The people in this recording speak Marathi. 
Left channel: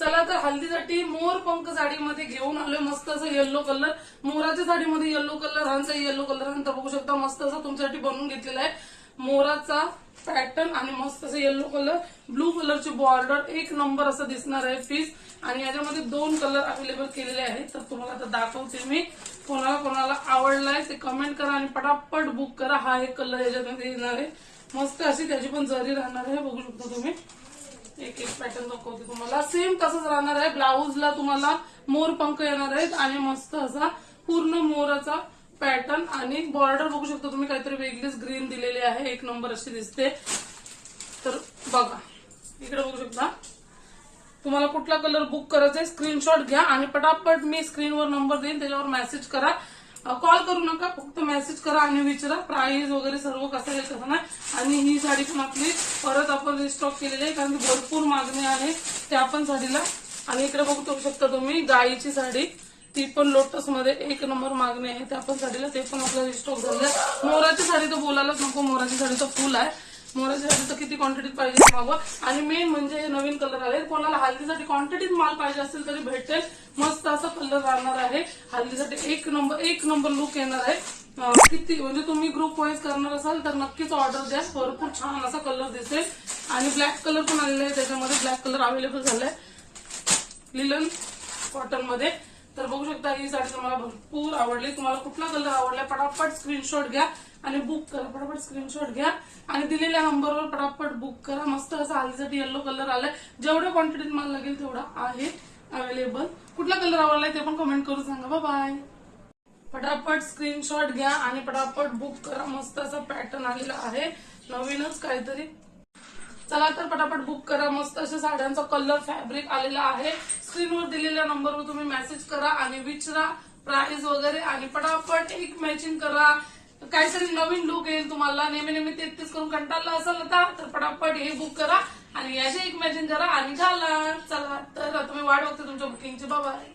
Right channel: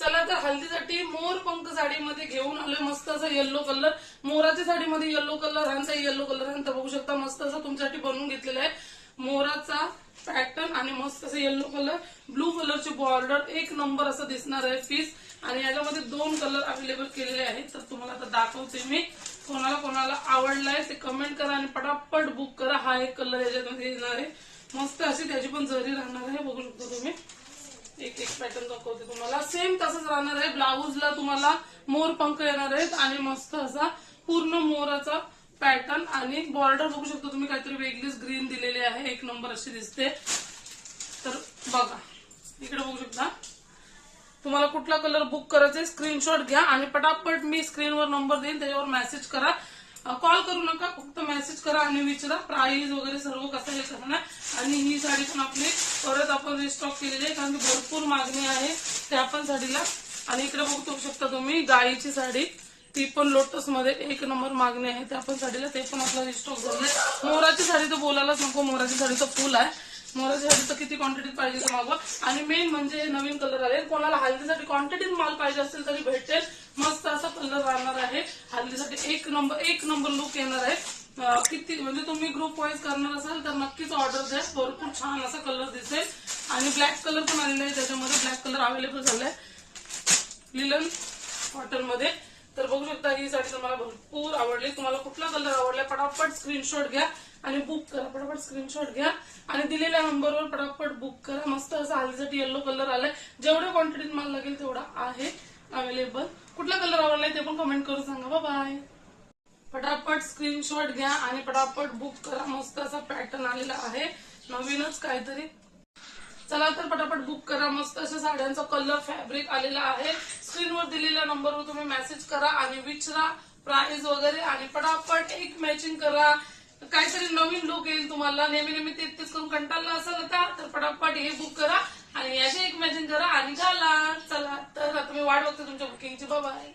चला तर हल्दीसाठी मोर पंख साडीमध्ये घेऊन आलोय मस्त असं येल्लो कलर. मोराच्या साडीमध्ये येल्लो कलर, हांचा येल्लो कलर तर बघू शकता मस्त असं तुमच्यासाठी बनवून घेतलेला आहे. मोराचा पॅटर्न आणि मस्त असं येल्लो कलर, ब्लू कलरची बॉर्डर, एक नंबर असं दिसणार आहे पीस. आणि याच्यामध्ये 2 कलर अवेलेबल केलेले आहेत. तर तुम्हाला आता दाखवते मी. कोणाला कोणाला आवडलाय ते कमेंट करा आणि पटापट बुक करा. हा एक कलर याच्यामध्ये येणार आहे. मस्त अशी त्याची पण जरी राहणार आहे. बघू शकता तुम्ही. एक एक पॅटर्न दाखवते तुम्हाला. सेम तसंच राहणार आहे. ब्लाऊजला तुम्हाला मोर पंख येणार आहेत आणि मस्त असा पूर्ण मोराचा पॅटर्न आणि बॉर्डर बघू शकता तुम्ही. काहीतरी वेगळीच ग्रीन दिलेली आहे. एक नंबर अशी दिसते. तर बघा इकडे बघू शकता. तुम्हाला कुठला कलर बुक करायचा आहे स्क्रीनशॉट घ्या आणि पटापट मी स्क्रीनवर नंबर देईन त्याच्यावर मेसेज करा. कॉल करू नका, फक्त मेसेज करा आणि विचारा प्राइस वगैरे सर्व कसं आहे कसं नाही. आणि ही साडी पण आपली परत आपण रिस्टॉक केलेली आहे कारण की भरपूर मागणी आहे त्या पण साडीला. आणि इकडे बघू शकता तुम्ही गायीची साडी, ती पण लोटस मध्ये एक नंबर मागणी आहे त्या पण साडीला. ते पण आपला रिस्टॉक झालंय. मोराची साडी तर बोलायलाच नको. मोराची साडी तर फुल आहे. मोराची साडी तर किती क्वांटिटीत पाहिजे मागवा. आणि मेन म्हणजे हे नवीन कलर आले. कोणाला हल्दीसाठी क्वांटिटीत माल पाहिजे असेल तरी भेटेल. मस्त असा कलर राहणार आहे. हल्दीसाठी एक नंबर लुक येणार आहे. किती म्हणजे तुम्ही ग्रुप वाईज करणार असाल तर नक्कीच ऑर्डर द्या. भरपूर छान असा कलर दिसेल. आणि ब्लॅक कलर पण आलेला आहे त्याच्यामध्ये. ब्लॅक कलर अवेलेबल झालाय लिलन कॉटन मध्ये. तर बघू शकता ही साडी तुम्हाला भरपूर आवडली. तुम्हाला कुठला कलर आवडला पटापट स्क्रीनशॉट घ्या आणि बुक करा. पटापट स्क्रीनशॉट घ्या आणि दिलेल्या नंबरवर पटापट बुक करा. मस्त असा हल्दीसाठी येल्लो कलर आलाय. जेवढ्या क्वांटिटीत माल लागेल तेवढा आहे अवेलेबल. कुठला कलर आवडलाय ते पण कमेंट करून सांगा. बाय. पटापट स्क्रीनशॉट घ्या आणि पटापट बुक करा. मस्त असा पॅटर्न आलेला आहे नवीनच काहीतरी. चला तर पटापट बुक करा. मस्त अशा साड्यांचा कलर फॅब्रिक आलेला आहे. स्क्रीनवर दिलेल्या नंबरवर तुम्ही मेसेज करा आणि विचारा प्राइस वगैरे आणि पटापट एक मॅचिंग करा. काहीतरी नवीन लुक येईल तुम्हाला. नेहमी तेच करून कंटाळला असाल आता तर पटापट हे बुक करा आणि याचे एक मॅचिंग करा आणि घाला. चला तर आता मी वाट बघते तुमच्या बुकिंगची. बाय.